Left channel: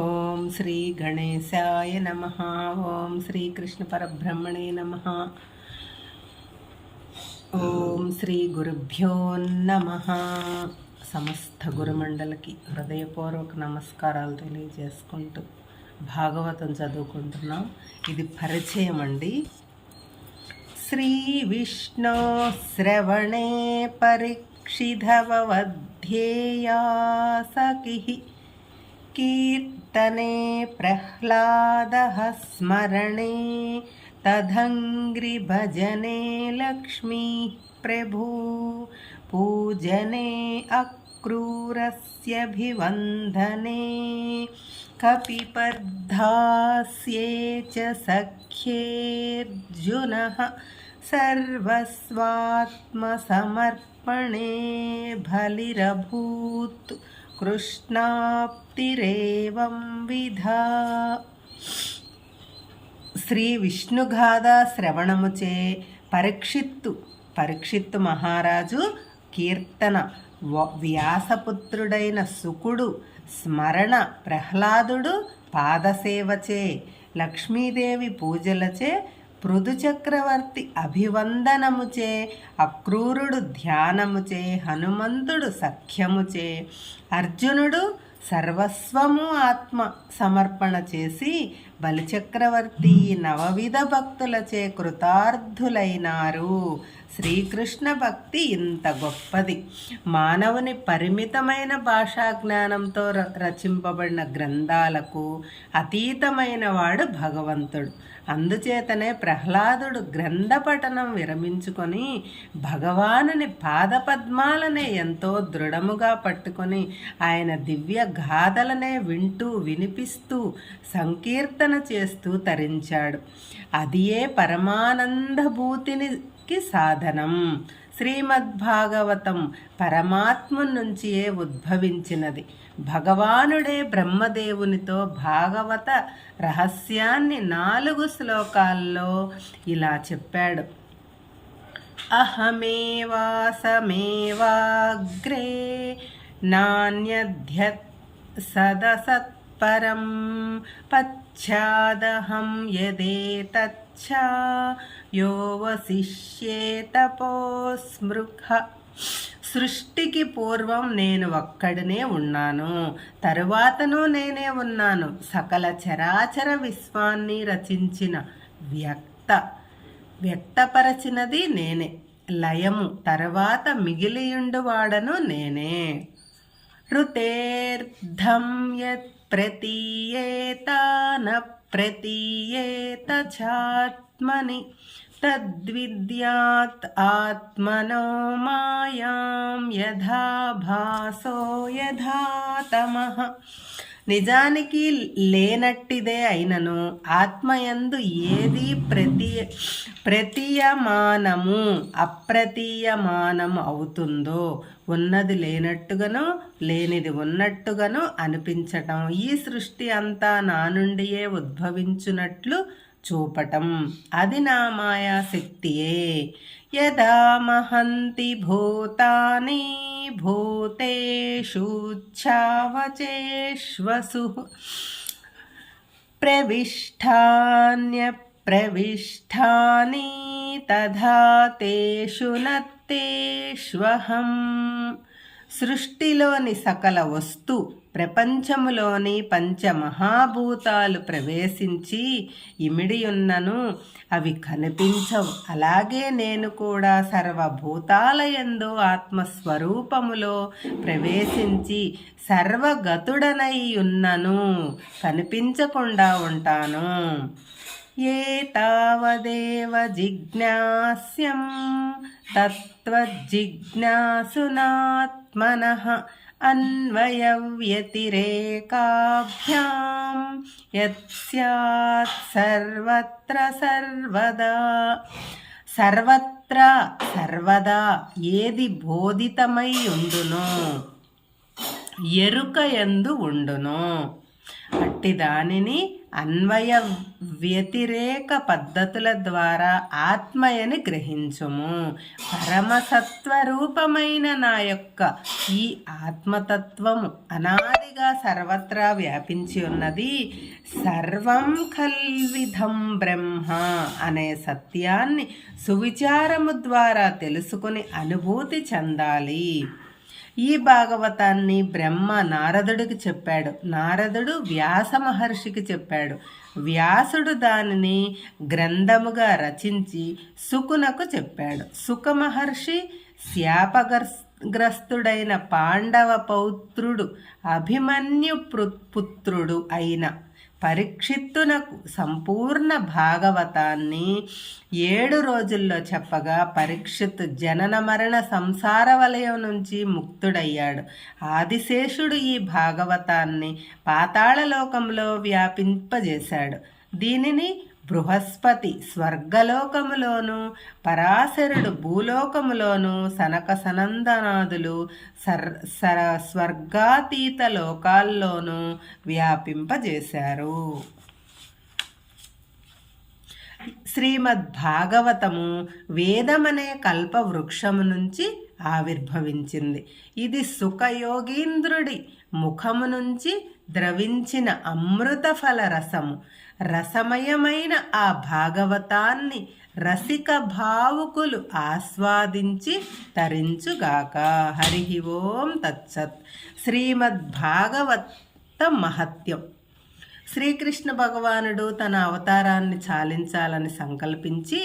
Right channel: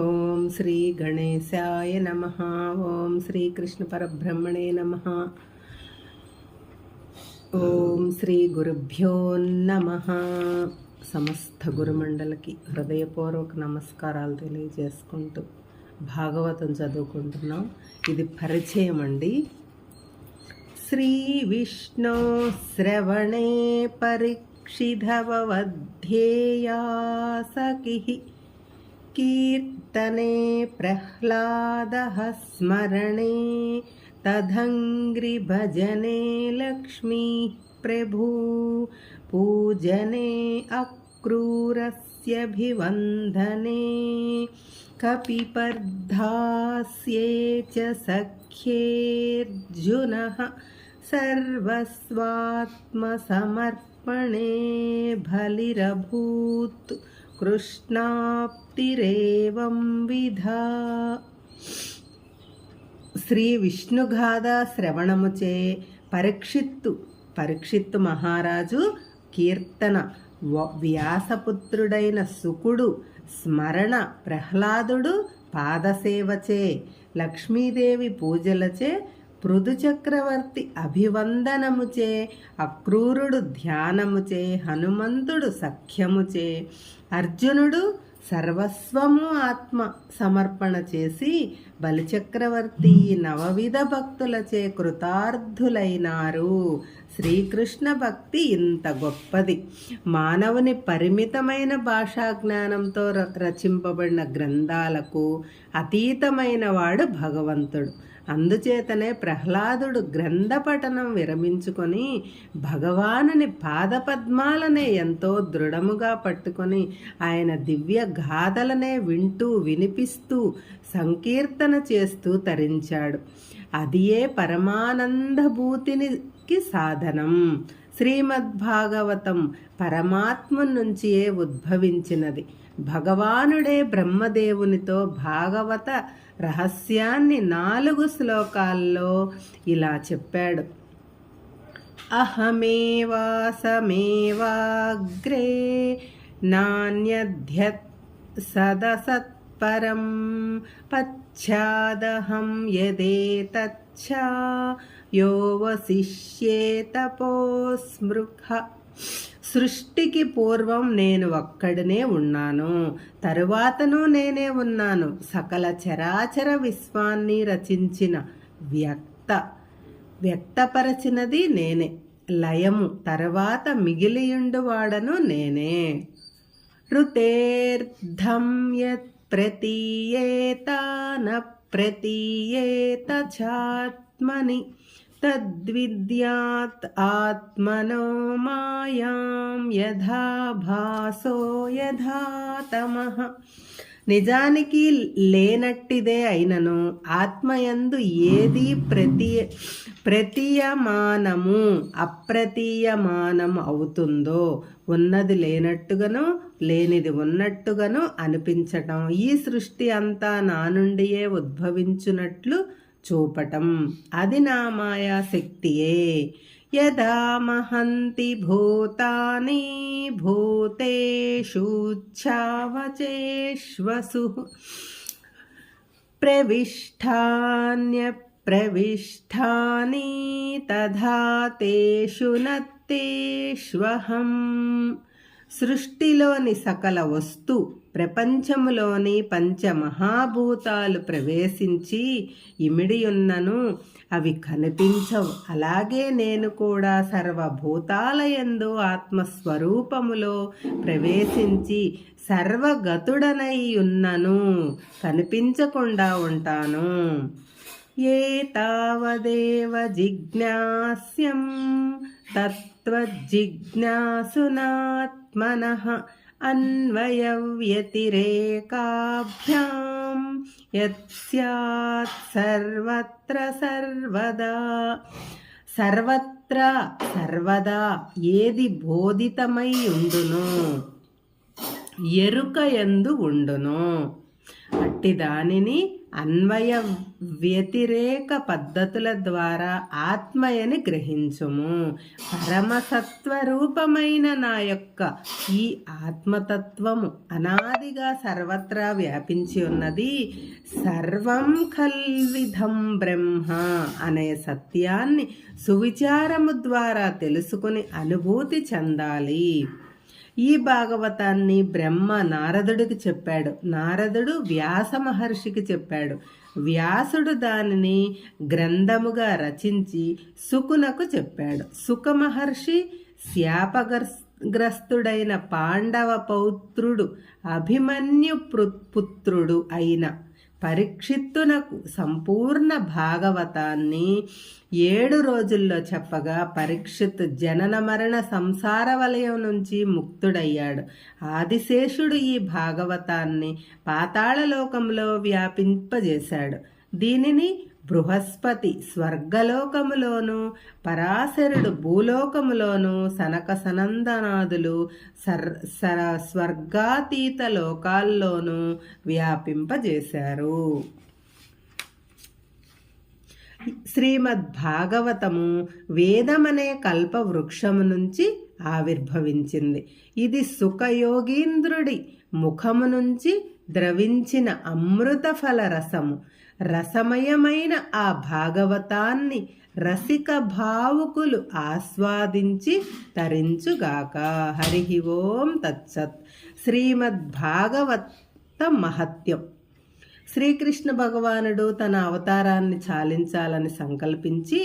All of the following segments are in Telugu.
ఓం శ్రీ గణేశాయ నమః. ఓం శ్రీ కృష్ణ పరబ్రహ్మణే నమః. ఓం శ్రీ గురుభ్యో నమః. సమస్త గురుమండలికి హృదయపూర్వక నమస్కారాలు తెలియజేసుకుంటూ భాగవతం చదువుకుంటున్నాం. ఇది పరిచయం అండి. శ్రీ విష్ణు శ్రవణే పరీక్షిధవధ్యేయా సఖిః కీర్తనే ప్రహ్లాదః స్మరణే తదంగ్రి భజనే లక్ష్మీ ప్రభూ పూజనే అక్రూరస్యభివందనే కపిపర్ధాస్యే చ సఖ్యేర్జునః సర్వస్వాత్మసమర్పణే బలిరభూత్ కృష్ణాప్తిరేవం విధా. శ్రీ విష్ణుగాథ శ్రవణముచే పరీక్షిత్తు మహారాజు కీర్తన, వ్యాసపుత్రుడైన సుకుడు స్మరణ, ప్రహ్లాదుడు పాదసేవచే, లక్ష్మీదేవి పూజలచే, పృథు చక్రవర్తి అభివందనముచే, అక్రూరుడు ధ్యానముచే, హనుమంతుడు సఖ్యముచే, అర్జునుడు సర్వస్వము ఆత్మ సమర్పణ చేసి, బలిచక్రవర్తి నవవిధ భక్తులచే కృతార్థులైనారు. శ్రీకృష్ణ భక్తి ఇంత గొప్పది. మానవుని పరిమితమైన భాషా జ్ఞానంతో రచింపబడిన గ్రంథాలకు అతీతమైన వాడు భగవంతుడు. అందుచేతనే ప్రహ్లాదుడు గ్రంథ పఠనం విరమించుకొని భగవానుని పాదపద్మాలనే ఎంతో దృఢముగా పట్టుకొని ఆయన దివ్య గాథలనే వింటూ వినిపిస్తూ సంకీర్తన చేస్తూ తరించాడు. అదియే పరమానందభూతికి సాధనం. శ్రీమద్భాగవతం పరమాత్మ నుంచియే ఉద్భవించినది. భగవానుడే బ్రహ్మదేవునితో భాగవత రహస్యాన్ని 4 శ్లోకాల్లో ఇలా చెప్పాడు. అహమేవాసమేవాగ్రే నాన్యధ్యత్ సదసత్పరం పశ్చాదహం యదేతచ్చ యో వశిష్యేతపోస్మృహ. సృష్టికి పూర్వం నేను ఒక్కడినే ఉన్నాను, తరువాతను నేనే ఉన్నాను. సకల చరాచర విశ్వాన్ని రచించిన వ్యక్తపరచినది నేనే. లయము తరువాత మిగిలియుండువాడను నేనే. ఋతేర్ధం యత్ ప్రతీయేత న ప్రతీయేత చాత్మని తద్విద్యాత్ ఆత్మనో మాయాం యథా భాసో యథా తమః. నిజానికి లేనట్టిదే అయినను ఆత్మయందు ఏది ప్రతీయమానము అప్రతీయమానము అవుతుందో, ఉన్నది లేనట్టుగాను లేనిది ఉన్నట్టుగాను అనిపించటం, ఈ సృష్టి అంతా నా నుండియే ఉద్భవించున్నట్లు చూపటం, అది నా మాయాశక్తియే. యదా మహంతి భూతాని భూతేషూచ్ఛావచేష్వసు ప్రవిష్టాన్యప్రవిష్టాని తథా తేషు నత్తేష్వహం. సృష్టిలోని సకల వస్తు ప్రపంచములోని పంచమహాభూతాలు ప్రవేశించి ఇమిడియున్నను అవి కనిపించవు. అలాగే నేను కూడా సర్వభూతాలయందు ఆత్మస్వరూపములో ప్రవేశించి సర్వగతుడనై ఉన్నను, కనిపించకుండా ఉంటాను. ఏతావదేవ జిజ్ఞాస్యం తత్వజిజ్ఞాసునాత్మనః అన్వయవ్యతిరేకాభ్యాం యత్స్యాత్ సర్వత్ర సర్వదా. సర్వత్రా సర్వదా ఏది బోధితమై ఉండునో, ఎరుక యందు ఉండునో, అట్టి దానిని అన్వయ వ్యతిరేక పద్ధతుల ద్వారా ఆత్మయని గ్రహించుము. పరమసత్వరూపమైన నా యొక్క ఈ ఆత్మతత్వము అనాదిగా సర్వత్రా వ్యాపించి ఉన్నది. సర్వం కల్విధం బ్రహ్మ అనే సత్యాన్ని సువిచారము ద్వారా తెలుసుకుని అనుభూతి చెందాలి. ఈ భాగవతాన్ని బ్రహ్మ నారదుడికి చెప్పాడు. నారదుడు వ్యాస మహర్షికి చెప్పాడు. వ్యాసుడు దానిని గ్రంథముగా రచించి శుకునకు చెప్పాడు. శుక మహర్షి శాపగ్రస్తుడైన పాండవ పౌత్రుడు అభిమన్యు పుత్రుడు అయిన పరీక్షిత్తునకు సంపూర్ణ భాగవతాన్ని 7 రోజుల్లో చెప్పగా పరీక్షిత్తు జనన మరణ సంసార వలయం నుంచి ముక్తుడయ్యాడు. ఆదిశేషుడు ఈ భాగవతాన్ని పాతాళలోకంలో వ్యాపింపజేశాడు. దీనిని బృహస్పతి స్వర్గలోకములోను, పరాశరుడు భూలోకములోను, సనక సనందనాదులు స్వర్గాతీత లోకాల్లోనూ వ్యాపింపజేశారు. శ్రీమద్భాగవతము వేదమనే కల్పవృక్షము నుంచి ఆవిర్భవించింది. ఇది సుఖయోగీంద్రుడి ముఖము నుంచి ద్రవించిన అమృత ఫల రసము. రసమయమైన ఆ భాగవతాన్ని రసిక భావుకులు ఆస్వాదించి తరించుగాక. హరి ఓం తత్సత్. శ్రీమద్భాగవత మహత్యం. శ్రీకృష్ణ భగవానుడు తన అవతారాన్ని చాలించాలని సంకల్పించి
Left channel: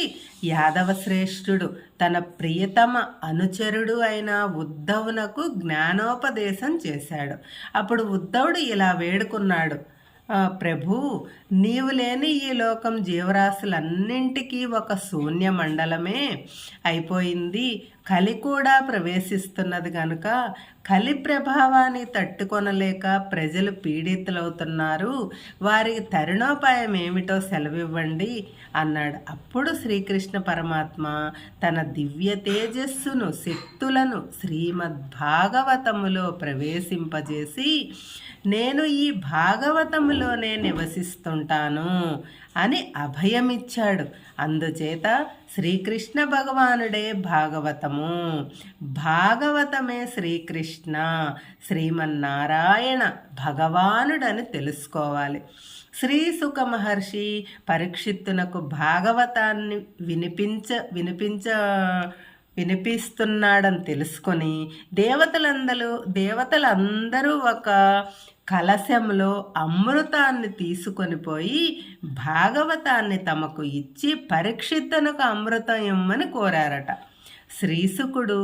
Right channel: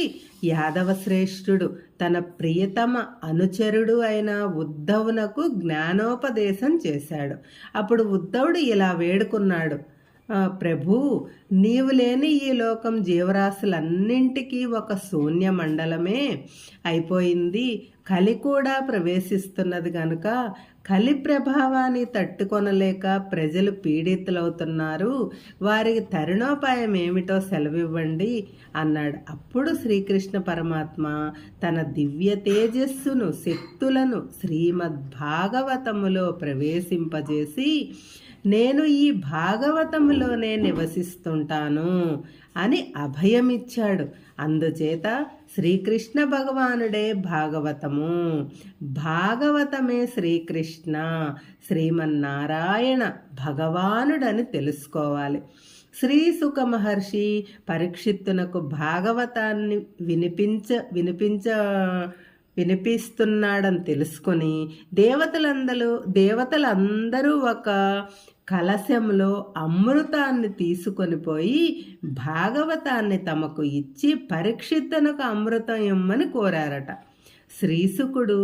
యాదవ శ్రేష్ఠుడు తన ప్రియతమ అనుచరుడు అయిన ఉద్ధవునకు జ్ఞానోపదేశం చేశాడు. అప్పుడు ఉద్ధవుడు ఇలా వేడుకున్నాడు, ప్రభు, నీవు లేని ఈ లోకం జీవరాశులన్నింటికీ ఒక శూన్య మండలమే అయిపోయింది. కలి కూడా ప్రవేశిస్తున్నది కనుక కలి ప్రభావాన్ని తట్టుకొనలేక ప్రజలు పీడితులవుతున్నారు. వారికి తరుణోపాయం ఏమిటో సెలవివ్వండి అన్నాడు. అప్పుడు శ్రీకృష్ణ పరమాత్మ తన దివ్య తేజస్సును శక్తులను శ్రీమద్భాగవతములో ప్రవేశింపజేసి, నేను ఈ భాగవతములోనే నివసిస్తుంటాను అని అభయమిచ్చాడు. అందుచేత శ్రీకృష్ణ భగవానుడే భాగవతము, భాగవతమే శ్రీకృష్ణ, శ్రీమన్నారాయణ భగవానుడని తెలుసుకోవాలి. శ్రీ శుక మహర్షి పరీక్షిత్తునకు భాగవతాన్ని వినిపిస్తున్నాడని తెలుసుకొని దేవతలందరూ ఒక కలశంలో అమృతాన్ని తీసుకొని పోయి భాగవతాన్ని తమకు ఇచ్చి పరీక్షిత్తునకు అమృతం ఇమ్మని కోరారట. శ్రీశుకుడు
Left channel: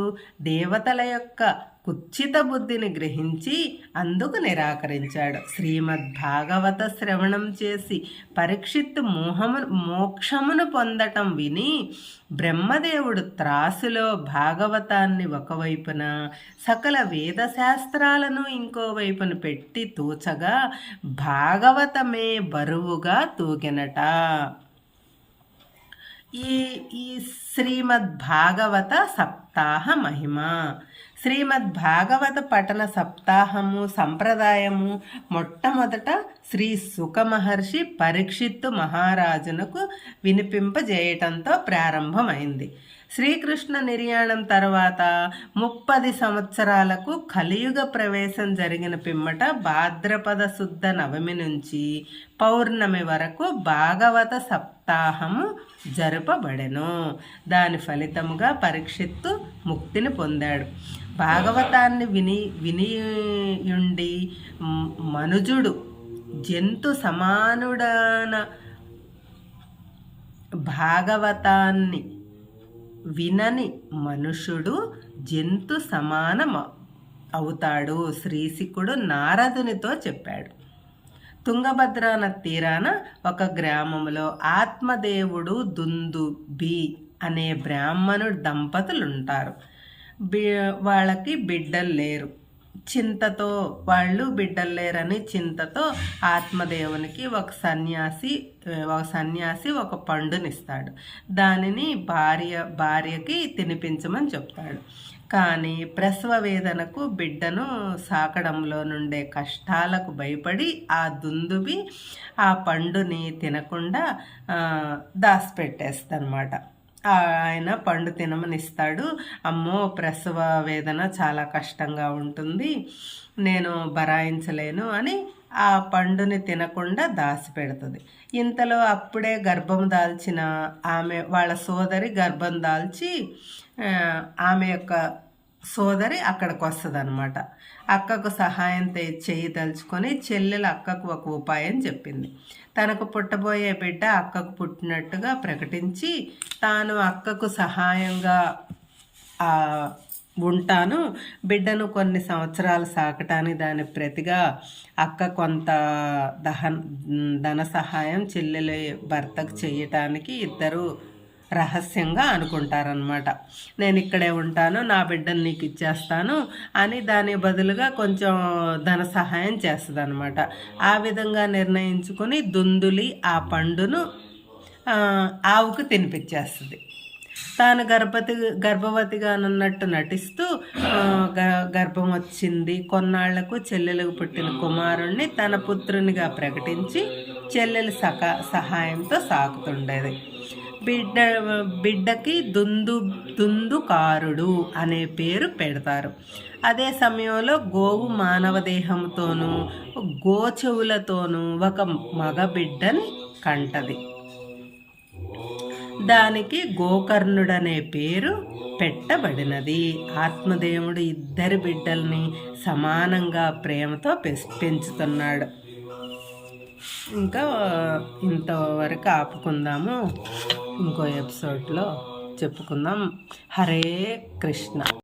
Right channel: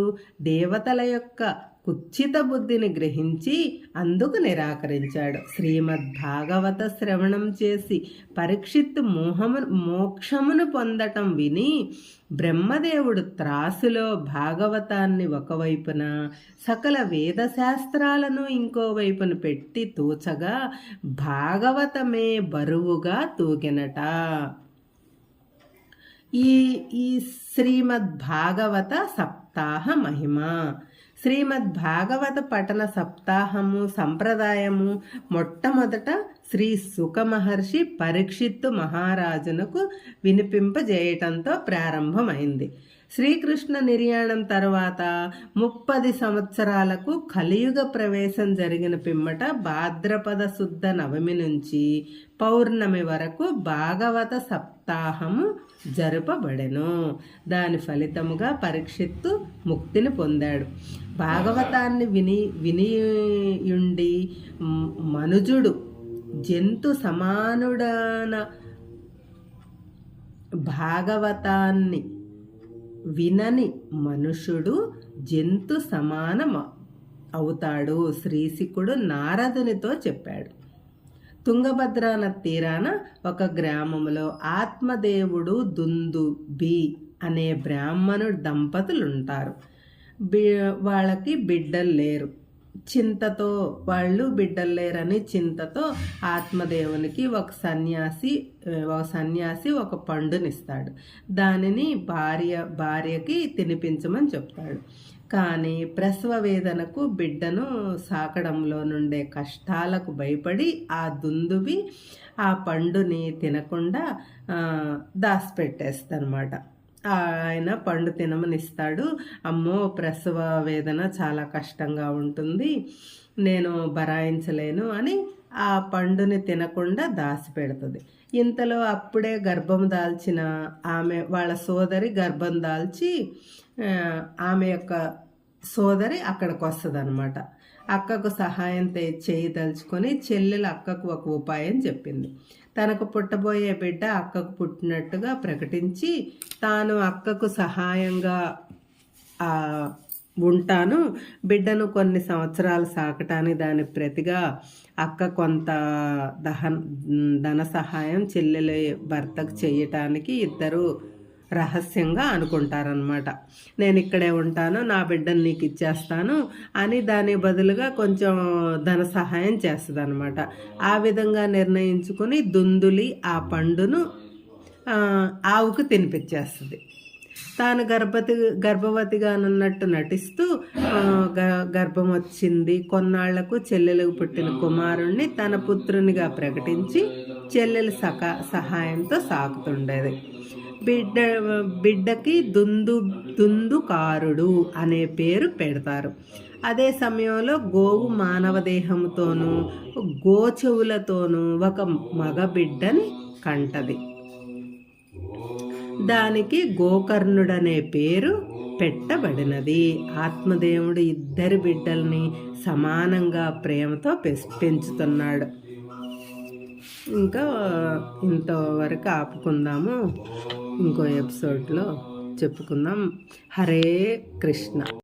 దేవతల యొక్క కుచ్చిత బుద్ధిని గ్రహించి అందుకు నిరాకరించాడు. శ్రీమద్భాగవత శ్రవణం చేసి పరీక్షిత్తు మోక్షమును పొందటం విని బ్రహ్మదేవుడు త్రాసులో భాగవతాన్ని ఒకవైపున సకల వేదశాస్త్రాలను ఇంకోవైపున పెట్టి తూచగా భాగవతమే బరువుగా తూగినట. ఈ శ్రీమద్భాగవత సప్తాహ మహిమ. శ్రీమద్భాగవత పఠన సప్తాహము సంప్రదాయము మొట్టమొదట శ్రీ శుక మహర్షి పరీక్షిత్తు మహారాజునకు వినిపింపజేయటంతో ప్రారంభమైంది. శ్రీకృష్ణ నిర్యాణం తర్వాత 30 సంవత్సరాలకు కలియుగ ప్రవేశం జరిగిన పిమ్మట భాద్రపద శుద్ధ నవమి నుంచి పౌర్ణమి వరకు భాగవత సప్తాహము జరుపబడెను. దాని ఫలితముగా పరీక్షిత్తు ముక్తిని పొందాడు. భాగవతాన్ని వినియుండి మనుజుడు జంతు సమానుడన భాగవతాన్ని వినని మనుషుడు జంతు సమానం అవుతాడు. శ్రీశుకుడు నారదునితో చెప్పాడు. తుంగభద్రా నది తీరాన ఒక గ్రామంలో ఆత్మదేవుడు దుందుబి అనే బ్రాహ్మణుడు దంపతులుంటారు. వాళ్ళకి బిడ్డలు లేరు. చింతతో వాళ్ళు బిడ్డలు లేరని చింతతో ఆత్మదేవునికి ఒక సన్యాసి ఒక పండునిస్తాడు. దానిని భార్యకి తినిపించమని చెప్తాడు. కానీ ప్రసవ వేదనకు బిడ్డను సాకడంలో నుండే కష్టాలకు భయపడి ఆ దుందుబి ఆ పండుని తినకుండా దాచిపెట్టేస్తనమాట. ఆయన పండు తినమనిస్తాడు. అమ్మో, ప్రసవ వేదన చాలా కష్టంగా ఉంటుంది, నేను భరాయించలేను అని ఆ పండుని తినకుండా దాచిపెడుతుంది. ఇంతలో అప్పుడే గర్భం దాల్చిన ఆమె వాళ్ళ సోదరి గర్భం దాల్చి ఆమె యొక్క సోదరి అక్కడికి వస్తుంది అనమాట. అక్కకు సహాయం చేయదలుచుకొని చెల్లెలు అక్కకు ఒక ఉపాయం చెప్పింది. తనకు పుట్టబోయే బిడ్డ అక్కకు పుట్టినట్టుగా ప్రకటించి తాను అక్కకు సహాయంగా ఉంటాను, బిడ్డను కొన్ని సంవత్సరాలు సాకటానికి దాని ప్రతిగా అక్క కొంత ధన సహాయం చెల్లెలి భర్తకు చేయటానికి ఇద్దరు రహస్యంగా అనుకుంటారనమాట. నేను ఇక్కడే ఉంటాను, నా బిడ్డను నీకు ఇచ్చేస్తాను అని దాని బదులుగా కొంచెం ధన సహాయం చేస్తుంది అనమాట. ఆ విధంగా నిర్ణయించుకొని దుందులి ఆ పండును ఆవుకు తినిపించేస్తుంది. తాను గర్భవతిగా అన్నట్టు నటిస్తూ గర్భం వచ్చింది. కొన్నాళ్లకు చెల్లెలకు పుట్టిన కుమారుణ్ణి తన పుత్రునిగా ప్రకటించి చెల్లెలి సహాయంతో సాకుతుండేది. బిడ్డకి దుందుకారుడు అనే పేరు పెడతారు. అదే సమయంలో గోవు మానవ దేహంతోనూ గోచెవులతోనూ ఒక మగ బిడ్డని కంటది. దానికి గోకర్ణుడనే పేరు పెట్టబడినది. ఆత్మదేవుడు ఇద్దరి బిడ్డల్ని సమానంగా ప్రేమతో పెంచుతున్నాడు. ఇంకా ఇంతవరకు ఆపుకుందాము, ఇంకో ఎపిసోడ్లో చెప్పుకుందాం. హరే కృష్ణ.